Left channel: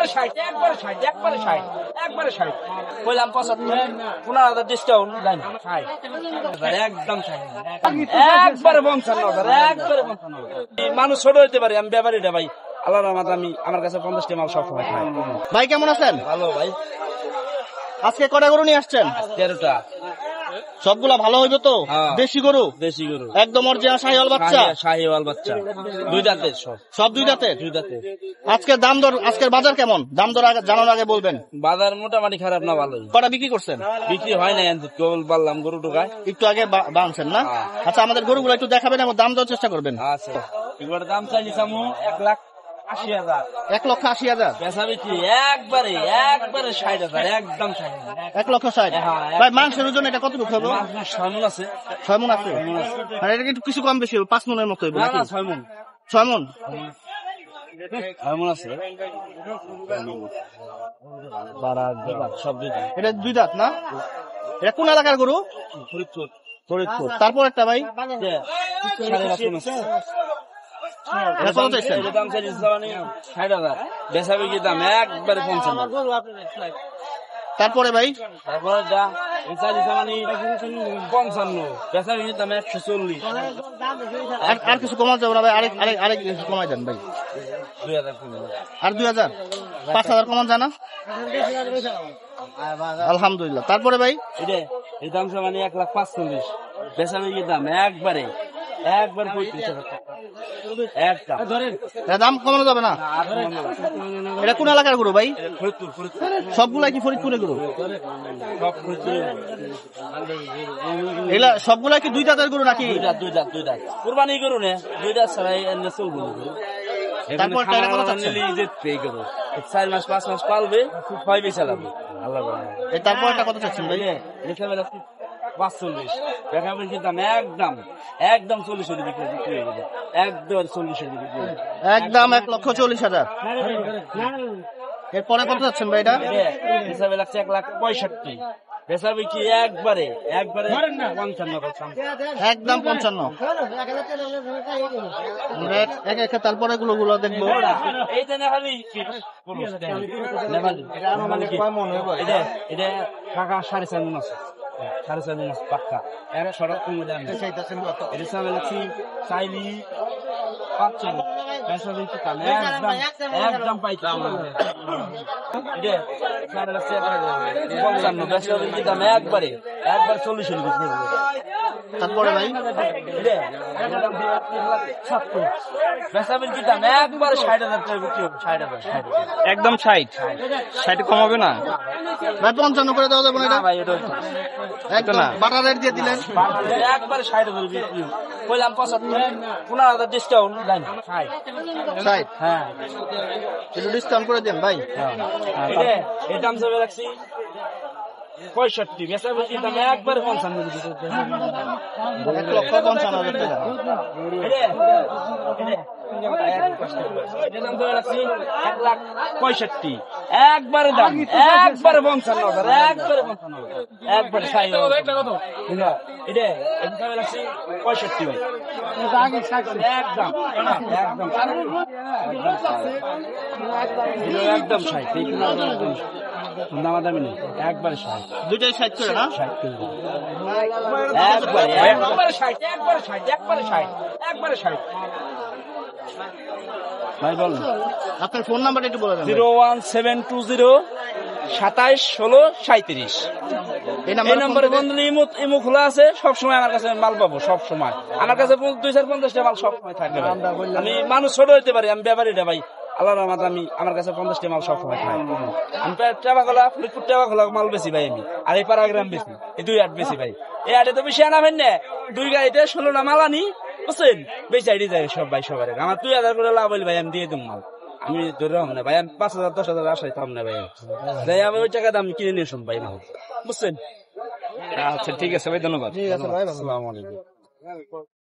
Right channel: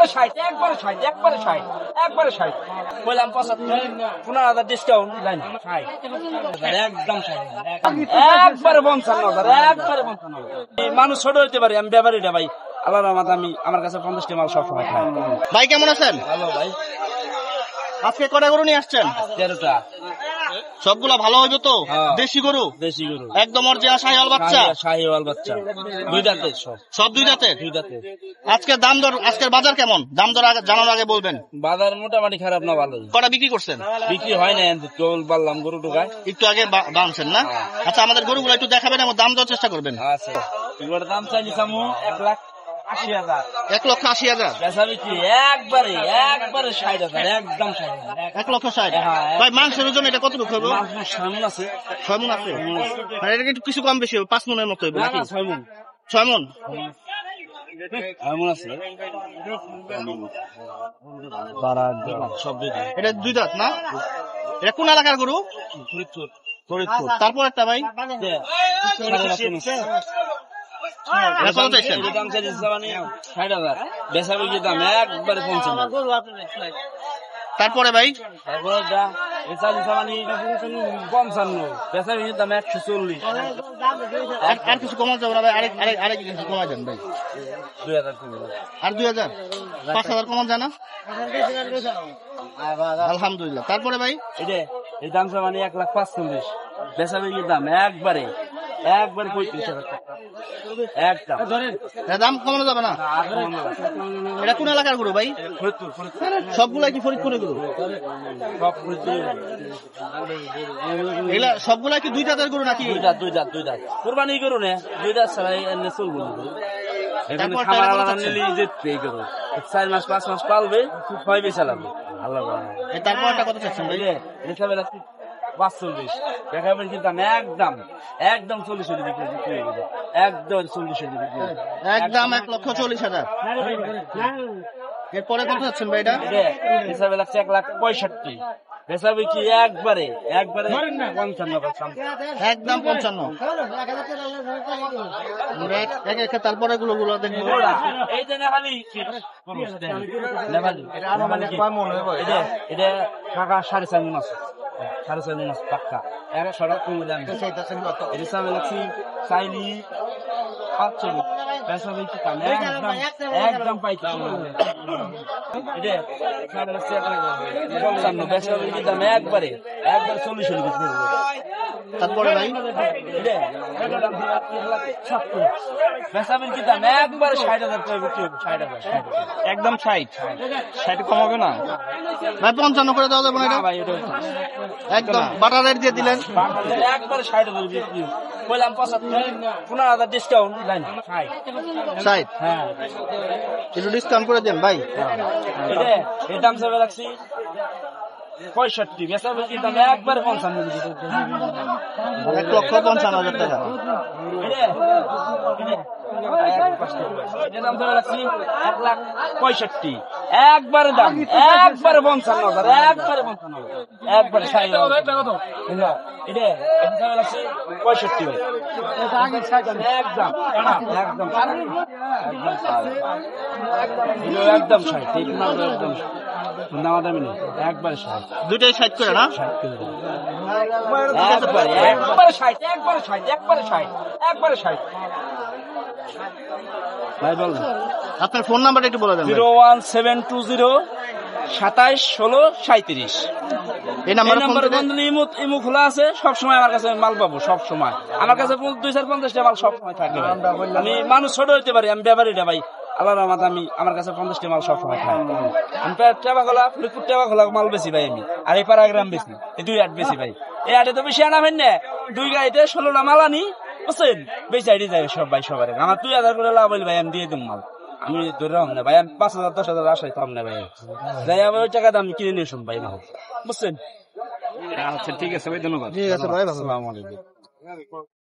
একবারে 60 একবারে 60 একবারে 60 একবারে 60 বললাম 75 15,000 ডিসকাউন্ট লাইন 60 একদম 60 একবারে 55,000 একবারে 55,000 মানুষ ছোট হইতে পারে আমি ব্যাপারীটা ভাই আল্লাহর রহমতে আমি আমার কাছে 50টি মাল সবসময় খাই। ভাই কেমন আছেন? ভালো ভাই। আজকে কটা গরু নিয়ে আসছেন? 13টা। সবগুলা ভালো হইবে তো? দেশি গরু? দেশি গরু একদম অরিজিনাল শাহিওয়াল বাচ্চা? শাহিওয়াল বাচ্চা দুই দাঁতের সব দুই দাঁতের? দুই দাঁতের। আজকে দাম দর আজকের বাজার কেমন? দাম দর জানার আগে বলবেন। বাজার মোটামুটি খারাপ না ভালোই। কটা বিক্রি করছেন? বিক্রি হয় না কেবল বললাম গরু টোকায় একটু আগে বানছেন না? আচ্ছা আমাদের গরুগুলো একটু দেখাবেন এবং দাম দেওয়ার চেষ্টা করবেন। আচ্ছা এবার দাম চাইছি সামু 1,80,000 1,80,000 বেচা বিক্রি একবারে একবারে 60,000 একদম 60,000 1,60,000। ভাই মাংসের ওজন এটা কতটুকু হবে? 6 মণ আছে। 6 মণ আছে? মানে এটা একটু কিছু কম বেশি হবে, 5 মণের মতো হবে না নাকি? না 6 মণ 6 মণ? 6 মণ আছে। সব দুই দাঁত। এটা দুই দাঁত না? এটা কোন এলাকার গরু? ফরিদপুর। ফরিদপুর। তারপর একটা ভাই দাম চাইছি 60,000 বেচা বিক্রি দাম একবারে 55,000। তারপরে ভাই তারপরে যা চাইছি 55 বেচা বিক্রি দাম 140। আর কিছু কমা যাবে না ভাই? আরেক কিছু কমাই দেন ভাই। 2,000 কমে আর 2,000 5,000 কমান যায় না? আলহামদুলিল্লাহ। তারপরে ভাই এই দাম 1,45,000 বেচা বিক্রির দাম একবারে 35,000 টাকা একদম। দাম কমানো যাবে না? এটা কোন এলাকার গরু ভাই? ফরিদপুর। সবগুলাই কি ফরিদপুরের গরু? সব ফরিদপুর। এগুলা সবগুলাই কি দুই দাঁতের গরু নাকি? দুই দাঁত কুরবানি গরু না, দুই দাঁত ছাড়া এনে চলবো না গরু। এখানে খামার আলাদা নিলে যেতে গরু 4 মাস 5 মাস পালবে, 6 বেচা লাগবে আল্লাহ। তারপর একটা কথা চাচ্ছেন ভাই? 45 দেখা বলছি দাম একদম 40 বিক্রি হয়ে যাবে একদম 40 বিক্রি একদম 1,40,000। এরপরে কত চাচ্ছেন ভাই? এটা হিসাবে লাগছে 1,65,000 বেচা বিক্রি একবারে 55 একদম 55। তারপরে গুলো দেখবো। এই যে নেহালি এটা কাকা 4.5 মণ আছে, 4.5 মণ আছে পাক্কা। 100 টাকা কমে দাম এটা হিসাবে লাগছি চাইলি 45 বেচা বিক্রি দাম একদম পাইতে এটা 55 বেচা বিক্রি দাম একবারে 40 বিক্রি করবে। তারপরে ভাই বেচা বিক্রি দাম একবারে 60,000 করে বিক্রি হবে। 60,000 একদম 60 কমাবে না ভাই? 55 করে দেওয়া যাবে না? ভাই এটা একদম বাটার রেট দিয়ে দিলেন একবারে 60,000 বিক্রি বললাম 75 15,000 ডিসকাউন্ট লাইন 60। হ্যাঁ একটু ডিসকাউন্ট করে দেন ভাই। এই দাম যাবে রাখছি 65 বেচা বিক্রি দাম একবারে 55 1,55,000 টাকা। দাম ধরে রাখছি 1,65,000 একবারে দাম একবারে 55,000 একবারে 55,000 একবারে 60,000 এটা রাখছি 65 একদম একদম 60 একদম দামাদামি নেই একবারে 60 দুইটাই 60 করে না? 60 একবারে 60 একবারে 60 ভাই বলেন আপনার ফোন নাম্বারটা একটু বলে দেন। 01720 27 16 37। এই নম্বরে বন্ধু ইমো খোলা আছে, সবসময় আমার কাছে মাল পাবো। সবসময় আমার কাছে 250টা মাল সবসময় থাকবে। আমি মানুষ ছোট হইতে পারি, আমি ব্যাপারীটা ভাই আল্লাহর রহমতে আমি আমার কাছে 50টা মাল সবসময় খাই। আমি ফরিদপুর টেবাখোলা মাল বেশি ভাই আমি, আর এই পাড়াগ্রাম বেশি, এই 2 আট বেশি ভাই। এই আটে তো বেশি আনাবেন না, 2 গাড়িতে 16টা মাল আনি বুঝছেন, বেশি আইডি যায় সব ভাই সবার। আমার 2,000 করে লাভ হইলে ভাই আমি দিয়ে দেব মাল। আমি ধরে রাখুন না ভাই, আমি 5,000 10,000 আশাই পাম না ভাই। যাই আমি ওই টাকা আমি কিনে নিয়ে শুন ভাই মাল, বুঝছেন? আচ্ছা ঠিক আছে ভাই, ধন্যবাদ। ঠিক আছে ভাই, আসসালামু আলাইকুম।